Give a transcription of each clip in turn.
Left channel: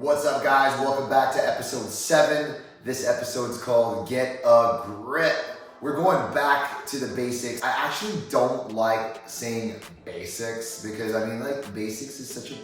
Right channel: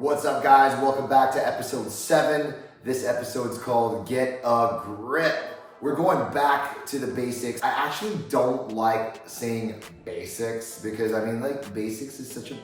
What's up, guys? Welcome back to episode 7. This episode's called Get a Grip. We're going back to the basics. I actually don't like saying basics because basics is such a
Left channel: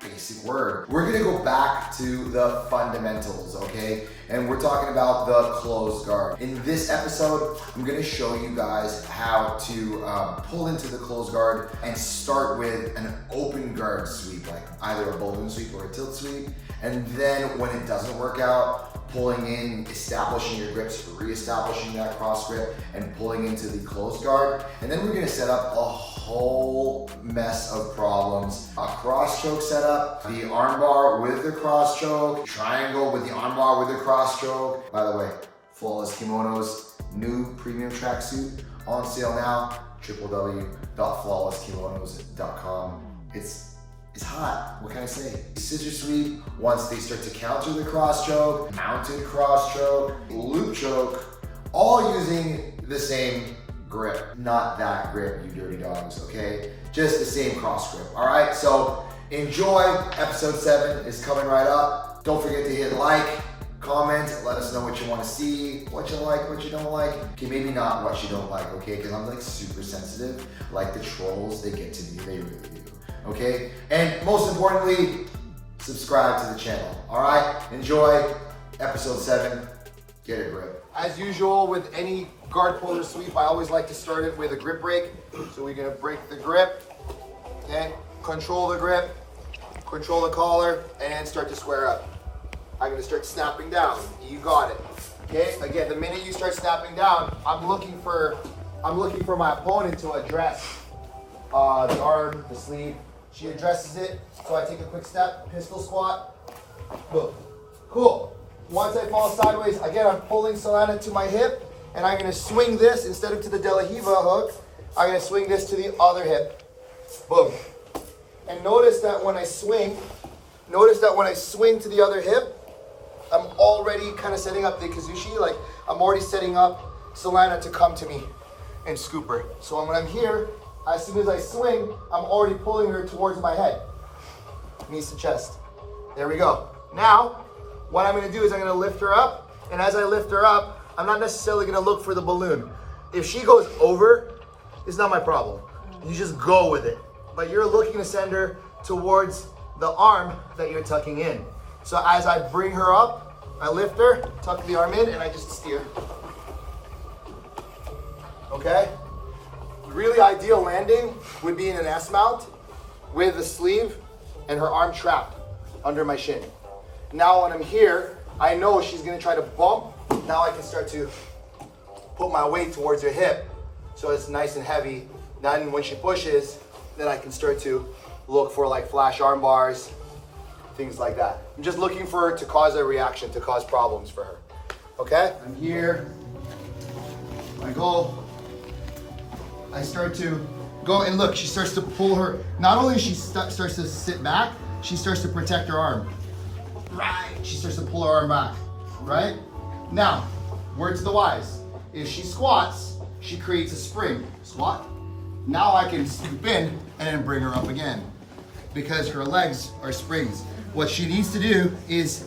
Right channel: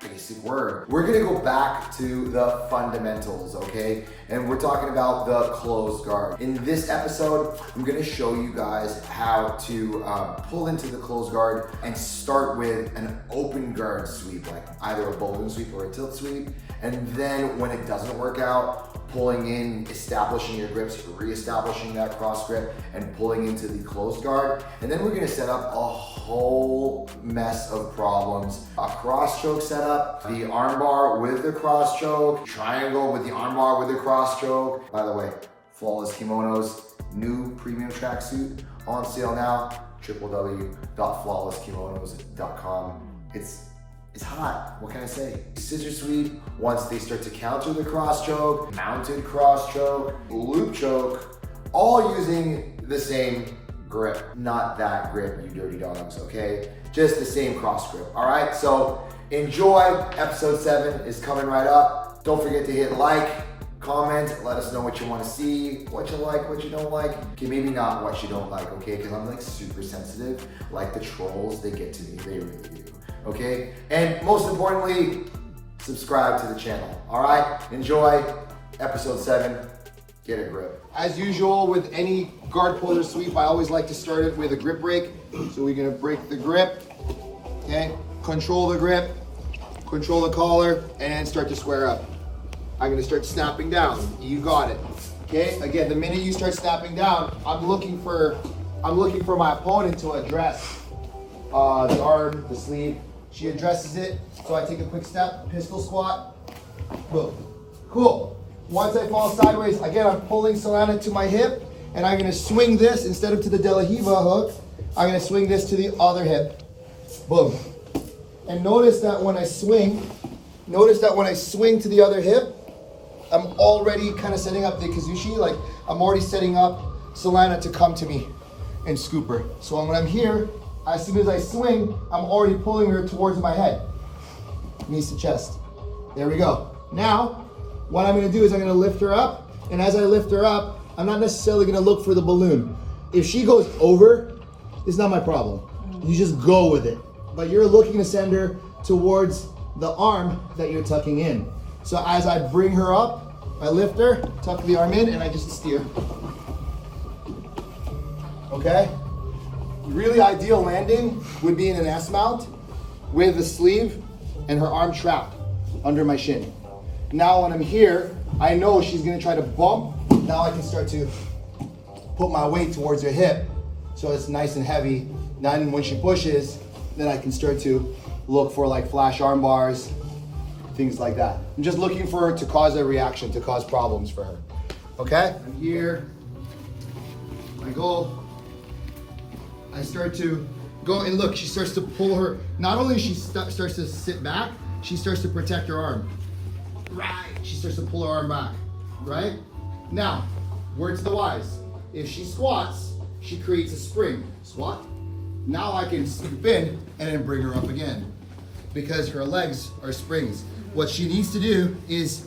basic word. We're gonna go back to the fundamentals, okay? And we're talking about the closed guard. In this episode, I'm gonna show you guys how to pull into the closed guard and start with an open guard sweep, like either a bowling sweep or a tilt sweep. And then when it doesn't work out, pulling in, establishing your grips, re-establishing that cross grip, and pulling into the closed guard. And then we're gonna set up a whole mess of problems. A cross choke setup, the armbar with the cross choke, triangle with the armbar with the cross choke. By the way, Flawless Kimonos, new premium tracksuit on sale now, www.flawlesskimonos.com. It's hot, what can I say? Scissor sweep, once they start to counter the cross choke, mounted cross choke, loop choke, all using the same grip. Not that grip, you dirty dogs, okay? Just the same cross grip, all right? So enjoy, episode 7 is coming right up. Don't forget to hit like, comment, let us know what you wanna see, what you like, what you don't like. Okay, maybe not what you don't like, okay? Because I'm like super sensitive, like the trolls, they get to me, they really do. Okay, and most importantly, subscribe to the channel. All right, enjoy episode 7. Get a grip. As usual with any guard puller sweep, I always like to start it with a grip break. So we're gonna break the grip. Okay, control the grip, control the collar, and start to square up. I'm gonna start snapping down. You got it. Okay, again, the minute you start snapping down, I'm looking for my opponent to address the arm, the sleeve. She addresses it, so I take a quick step, pistol squat, boom. Cool. Once I fall sideways, again, I'm pulling Solana to my hip, and I'm gonna swing this, instead of to the De La Riva hook, I'm gonna swing this to the other hip. Boom. And notice that when I swing to the other hip, I'm already kind of setting up the Kazushi, like I'm already setting up Solana to come to me and scoop her. So when I'm here, as soon as I swing, I'm already pulling her towards my head. Knees to chest. There we go. Now, what I'm gonna do is I'm gonna lift her up, and as I lift her up, I'm not necessarily gonna look for the balloon. If she goes over, it's not my problem. You just go with it. But you're looking to send her towards the arm that you're tucking in. So as I bring her up, I lift her, tuck the arm in, and I just steer. Okay? The really ideal landing would be in an S mount with the sleeve and her arm trapped under my shin. Now when I'm here, I know she's gonna try to bump. Now I can start to put my weight towards her hip so it's nice and heavy. Then when she pushes, then I can start to look for like flash arm bars, things like that. I'm just looking for her to cause a reaction, to cause problems for her. Okay? I'm here, I go. I start to go, and look, she starts to pull her, not only she starts to sit back, she starts to protect her arm. Right, she starts to pull her arm back, right? Now, word to the wise. If she squats, she creates a spring. Squat. Now I can swoop in and then bring her up again because her legs are springs. What she needs to do is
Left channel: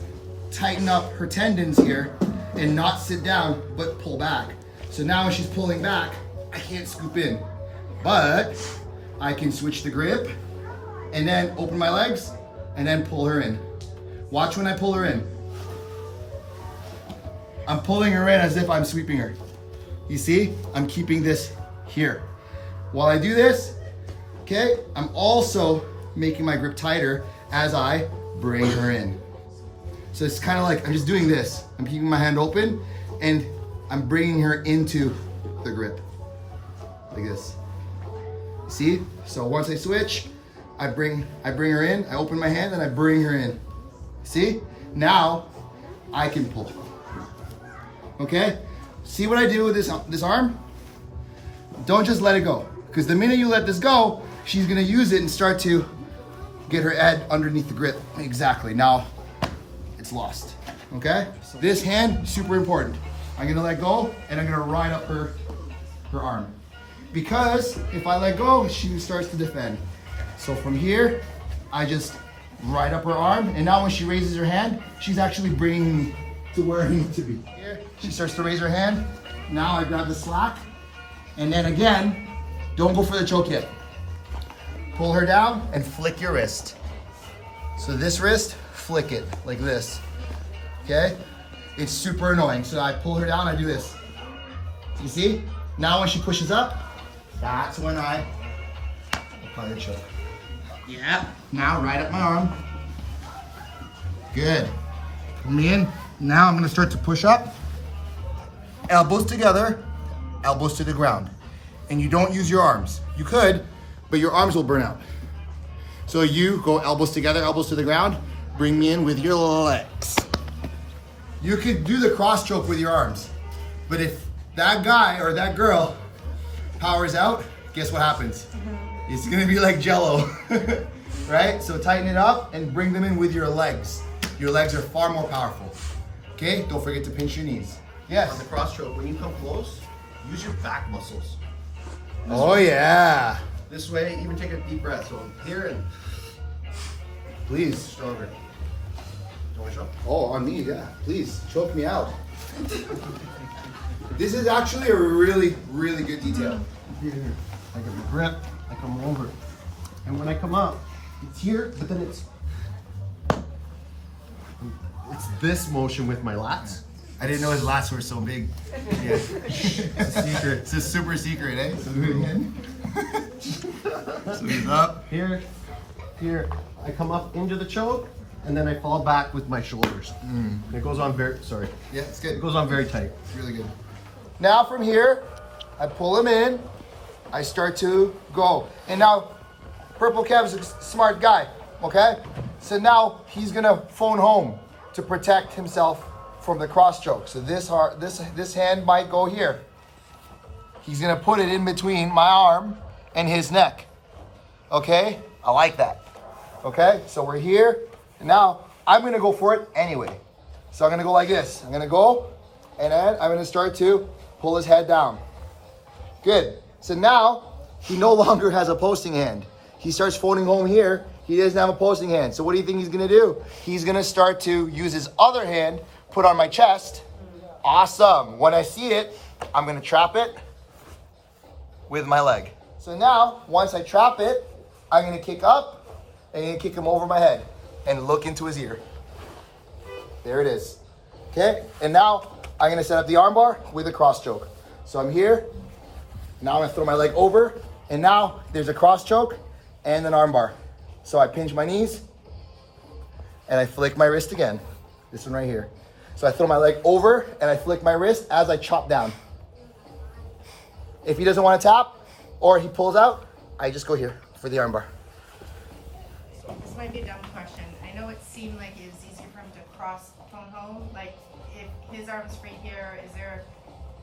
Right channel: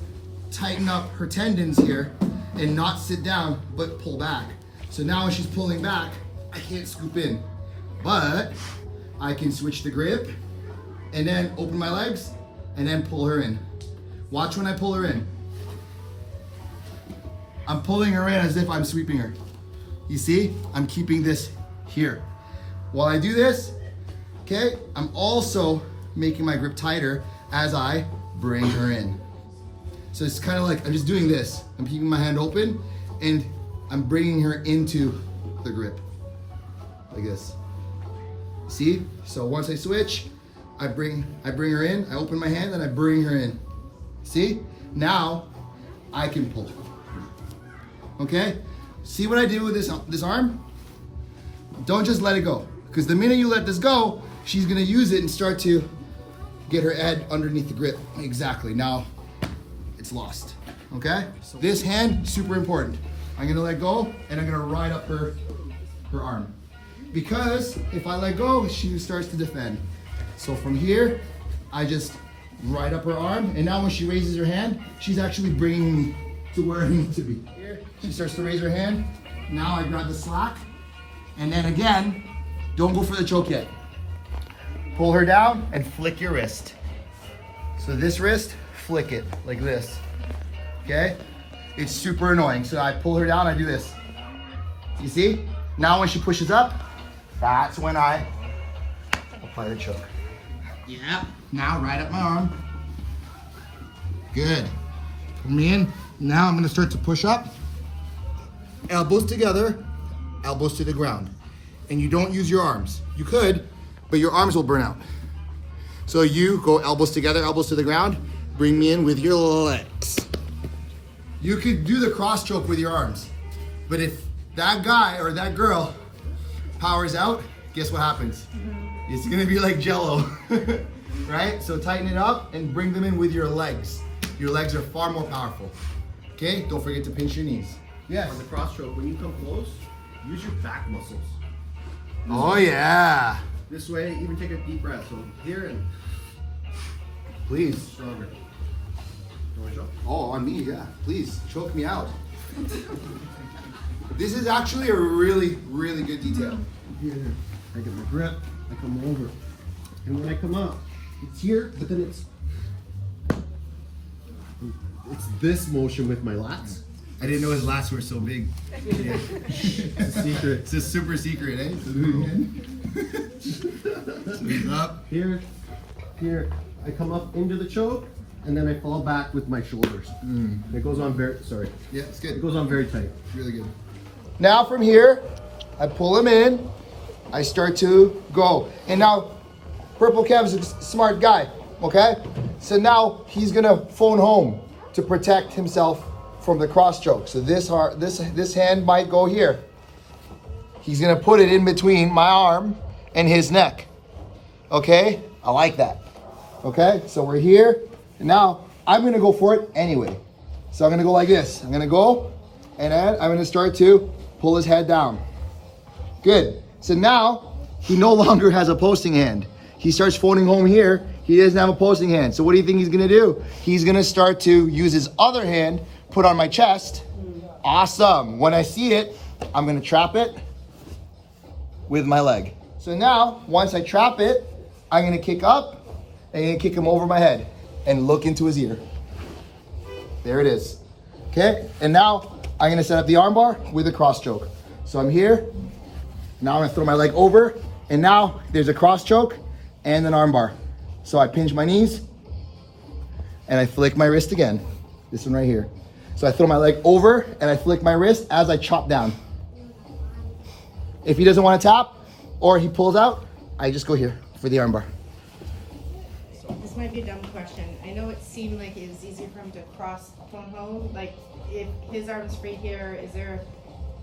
tighten up her tendons here and not sit down, but pull back. So now when she's pulling back, I can't scoop in, but I can switch the grip and then open my legs and then pull her in. Watch when I pull her in. I'm pulling her in as if I'm sweeping her. You see, I'm keeping this here. While I do this, okay, I'm also making my grip tighter as I bring her in. So it's kind of like, I'm just doing this. I'm keeping my hand open and I'm bringing her into the grip. Like this. See? So once I switch, I bring her in, I open my hand, and I bring her in. See? Now I can pull. Okay? See what I do with this arm? Don't just let it go. Because the minute you let this go, she's gonna use it and start to get her head underneath the grip. Exactly. Now it's lost. Okay? So this hand, super important. I'm gonna let go and I'm gonna ride up her arm. Because if I let go, she starts to defend. So from here, I just right up her arm. And now when she raises her hand, she's actually bringing me to where I need to be. Here, she starts to raise her hand. Now I grab the slack. And then again, don't go for the choke yet. Pull her down and flick your wrist. So this wrist, flick it like this, okay? It's super annoying. So I pull her down, I do this. You see? Now when she pushes up, that's when I apply the choke. Yeah, now right up my arm. Good. Pull me in. Now I'm gonna start to push up. Elbows together, elbows to the ground. And you don't use your arms. You could, but your arms will burn out. So you go elbows together, elbows to the ground, bring me in with your legs. You could do the cross choke with your arms, but if that guy or that girl powers out, guess what happens? It's gonna be like Jello, right? So tighten it up and bring them in with your legs. Your legs are far more powerful. Okay, don't forget to pinch your knees. Yes. On the cross choke, when you come close, use your back muscles. Oh yeah. This way, even take a deep breath. So here and Please. stronger. You want to choke? Oh, on me, yeah. Please, choke me out. This is actually a really, really good detail. Here, I get the grip, I come over. And when I come up, it's here, but then it's this motion with my lats. I didn't know his lats were so big. Yeah. It's a secret. It's a super secret, eh? So he's up. Here, I come up into the choke, and then I fall back with my shoulders. And it goes on very, sorry. Yeah, it's It good. goes on very tight. It's really good. Now from here, I pull him in. I start to go. And now, Purple Kev's a smart guy, okay? So now he's gonna phone home to protect himself from the cross choke. So this hand might go here. He's gonna put it in between my arm and his neck. Okay? I like that. Okay? So we're here. And now I'm gonna go for it anyway. So I'm gonna go like this. I'm gonna go and then I'm gonna start to pull his head down. Good. So now he no longer has a posting hand. He starts phoning home here. He doesn't have a posting hand. So what do you think he's gonna do? He's gonna start to use his other hand, put on my chest. Awesome. When I see it, I'm gonna trap it with my leg. So now, once I trap it, I'm gonna kick up, and I'm gonna kick him over my head and look into his ear. There it is. Okay, and now I'm gonna set up the armbar with a cross choke. So I'm here, now I'm gonna throw my leg over, and now there's a cross choke and an armbar. So I pinch my knees, and I flick my wrist again. This one right here. So I throw my leg over, and I flick my wrist as I chop down. If he doesn't want to tap, or he pulls out, I just go here for the armbar. This might be a dumb question. I know it seemed like it was easier for him to cross phone home. Like, if his arm's free here, is there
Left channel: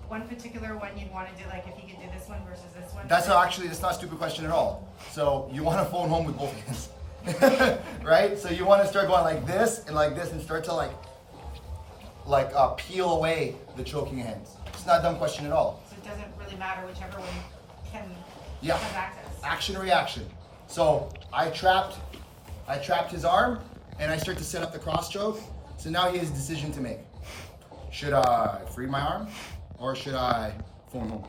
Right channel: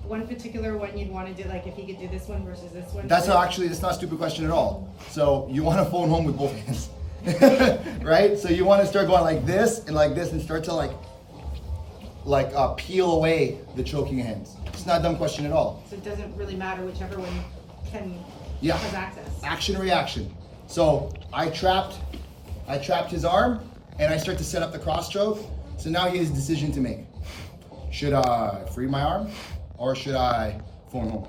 one particular one you'd want to do? Like, if he could do this one versus this one? That's not a stupid question at all. So you want to phone home with both hands, right? So you want to start going like this and start to peel away the choking hands. It's not a dumb question at all. So it doesn't really matter whichever one has access. Action reaction. So I trapped his arm and I start to set up the cross choke. So now he has a decision to make. Should I free my arm or should I phone home?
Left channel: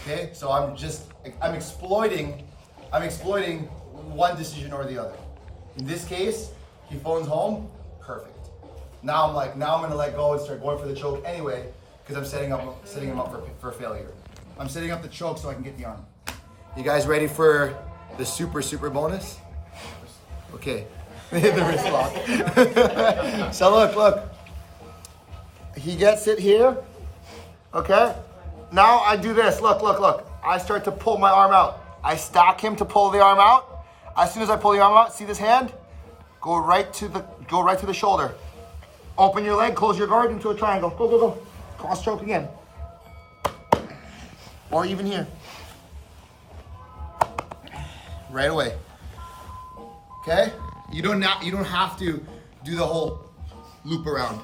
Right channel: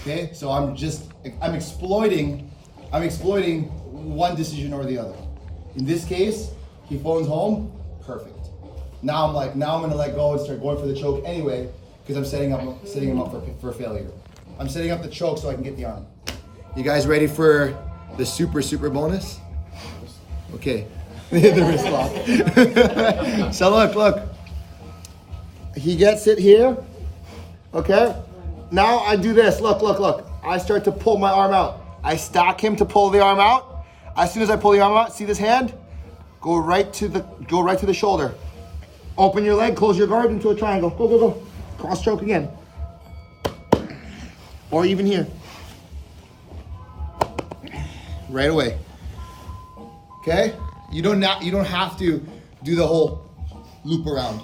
Okay, so I'm exploiting one decision or the other. In this case, he phones home, perfect. Now I'm gonna let go and start going for the choke anyway, because I'm setting him up for failure. I'm setting up the choke so I can get the arm. You guys ready for the super bonus? Okay, the wrist lock. So look. He gets it here, okay? Now I do this, look. I start to pull my arm out. I stack him to pull the arm out. As soon as I pull the arm out, see this hand? Go right to the shoulder. Open your leg, close your guard into a triangle. Go. Cross choke again. Or even here. Right away. Okay? You don't have to do the whole loop around.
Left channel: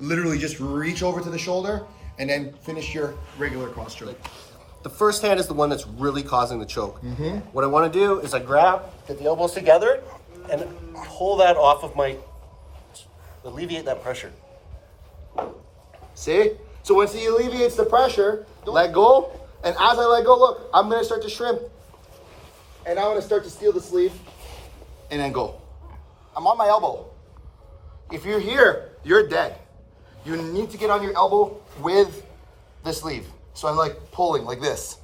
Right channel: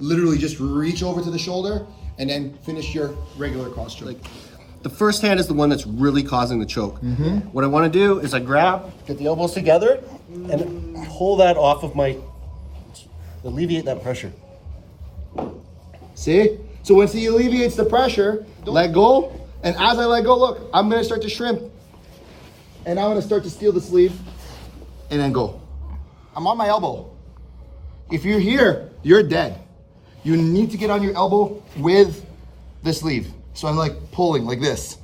Literally just reach over to the shoulder and then finish your regular cross choke. The first hand is the one that's really causing the choke. What I want to do is I grab, get the elbows together, and pull that off of alleviate that pressure. See? So once he alleviates the pressure, let go. And as I let go, look, I'm gonna start to shrimp. And I'm gonna start to steal the sleeve and then go. I'm on my elbow. If you're here, you're dead. You need to get on your elbow with the sleeve. So I'm like pulling like this.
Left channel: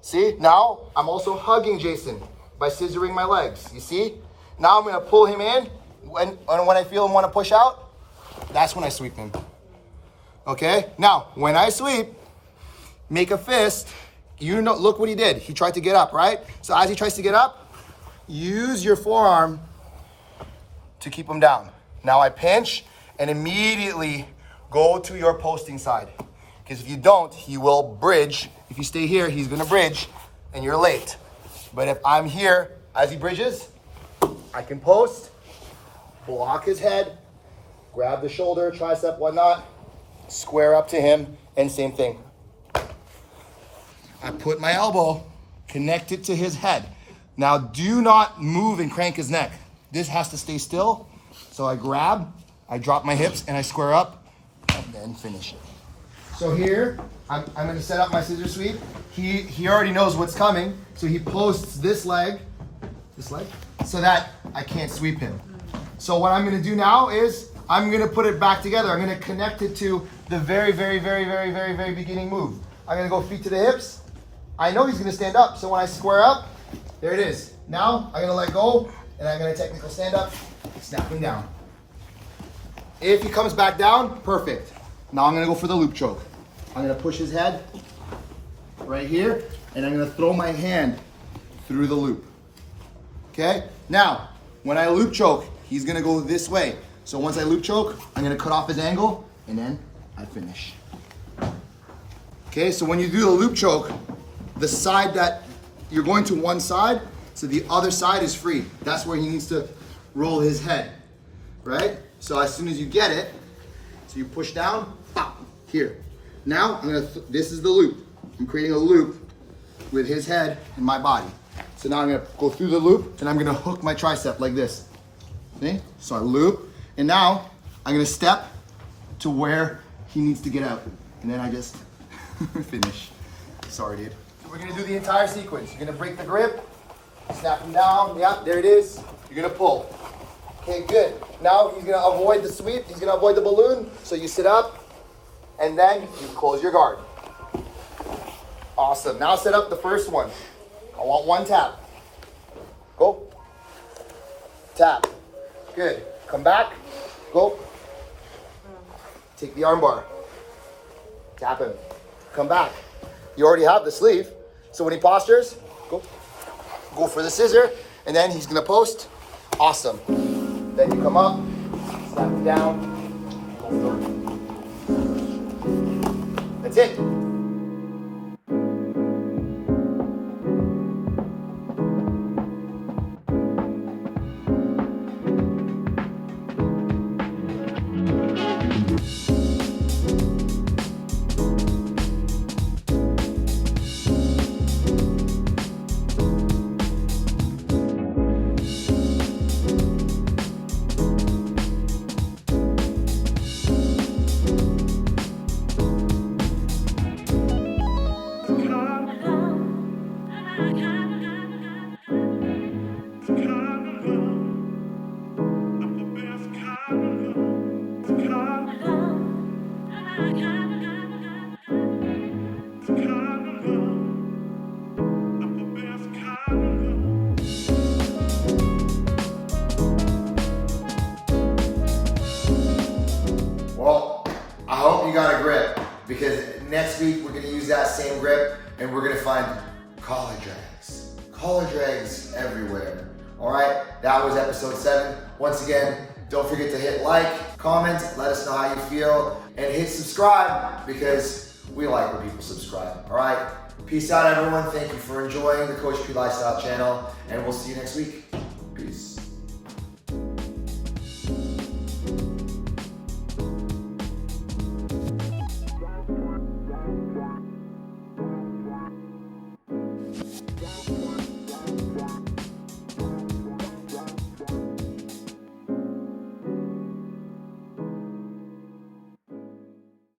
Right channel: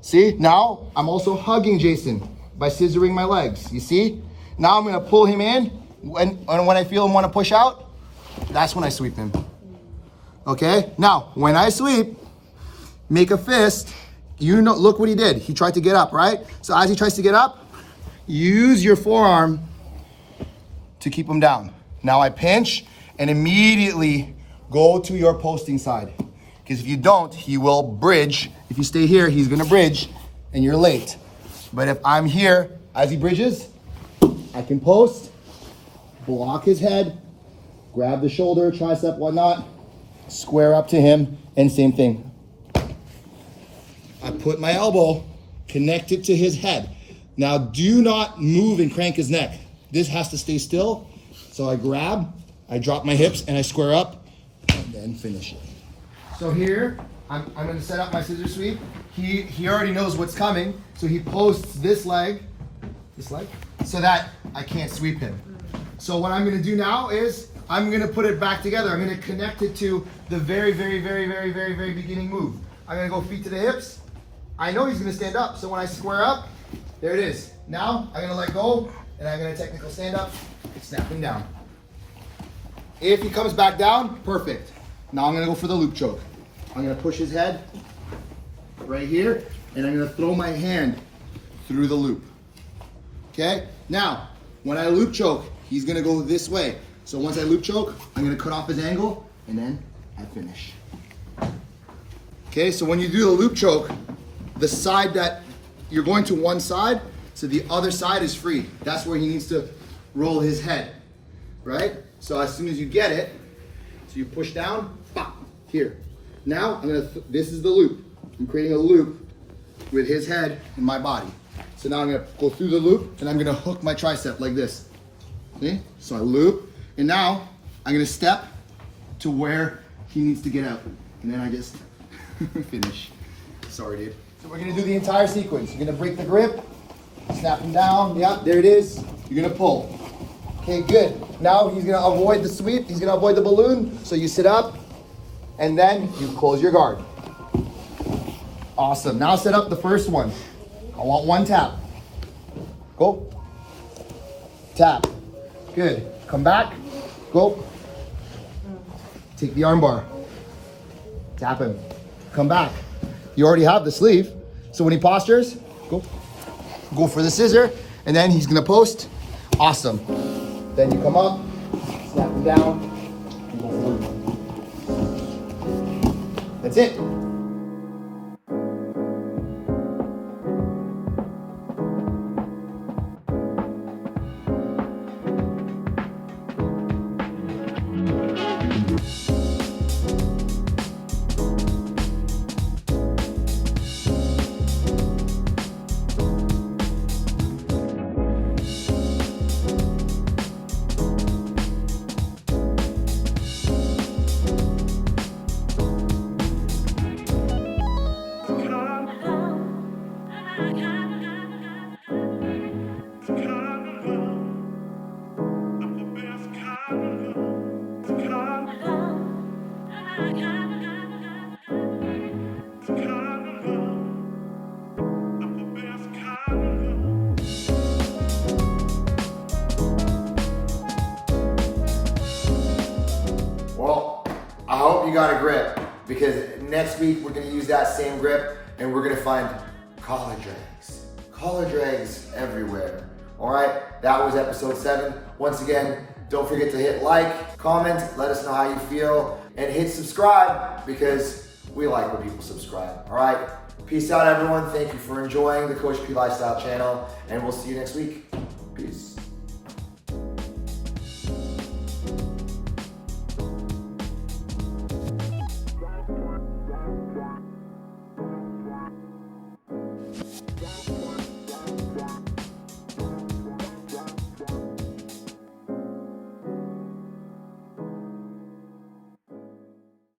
See? Now I'm also hugging Jason by scissoring my legs. You see? Now I'm gonna pull him in. When I feel him wanna push out, that's when I sweep him. Okay? Now, when I sweep, make a fist. You know, look what he did. He tried to get up, right? So as he tries to get up, use your forearm to keep him down. Now I pinch and immediately go to your posting side. Because if you don't, he will bridge. If you stay here, he's gonna bridge and you're late. But if I'm here, as he bridges, I can post, block his head, grab the shoulder, tricep, whatnot, square up to him, and same thing. I put my elbow connected to his head. Now do not move and crank his neck. This has to stay still. So I grab, I drop my hips, and I square up, and then finish it. So here, I'm gonna set up my scissor sweep. He already knows what's coming, so he posts this leg, so that I can't sweep him. So what I'm gonna do now is, I'm gonna put it back together. I'm gonna connect it to the very beginning move. I'm gonna go feet to the hips. I know he's gonna stand up, so when I square up, there it is. Now, I'm gonna let go, and I'm gonna technical stand up, snap him down. If he comes back down, perfect. Now I'm gonna go for the loop choke. I'm gonna push his head right here, and I'm gonna throw my hand through the loop. Okay? Now, when I loop choke, he's gonna go this way. So once I loop choke, I'm gonna cut off his angle, and then I finish. Okay, so when you do the loop choke, the side that you're going to one side, so the other side is free. That's where he needs to roll his head, right? So as soon as you get it, so you push down, pop, here. Now, this is the loop. I'm creating a loop with his head and my body. So now I'm gonna go through the loop, and I'm gonna hook my tricep like this. See? So I loop, and now I'm gonna step to where he needs to get out. And then I just finish. Sorry, dude. So we're gonna do the entire sequence. You're gonna break the grip, snap him down. Yeah, there it is. You're gonna pull. Okay, good. Now he's gonna avoid the sweep. He's gonna avoid the balloon. So you sit up, and then you close your guard. Awesome. Now set up the first one. I want one tap. Go. Tap. Good. Come back. Go. Take the armbar. Tap him. Come back. You already have the sleeve. So when he postures, go. Go for the scissor, and then he's gonna post. Awesome. Then you come up, snap him down, and go. That's it. Well, I hope you got a grip, because next week we're gonna use that same grip and we're gonna find collar drags. Collar drags everywhere. All right, that was episode 7. Once again, don't forget to hit like, comment, let us know how you feel, and hit subscribe, because we like when people subscribe. All right, peace out everyone. Thank you for enjoying the Coach P Lifestyle channel, and we'll see you next week. Peace.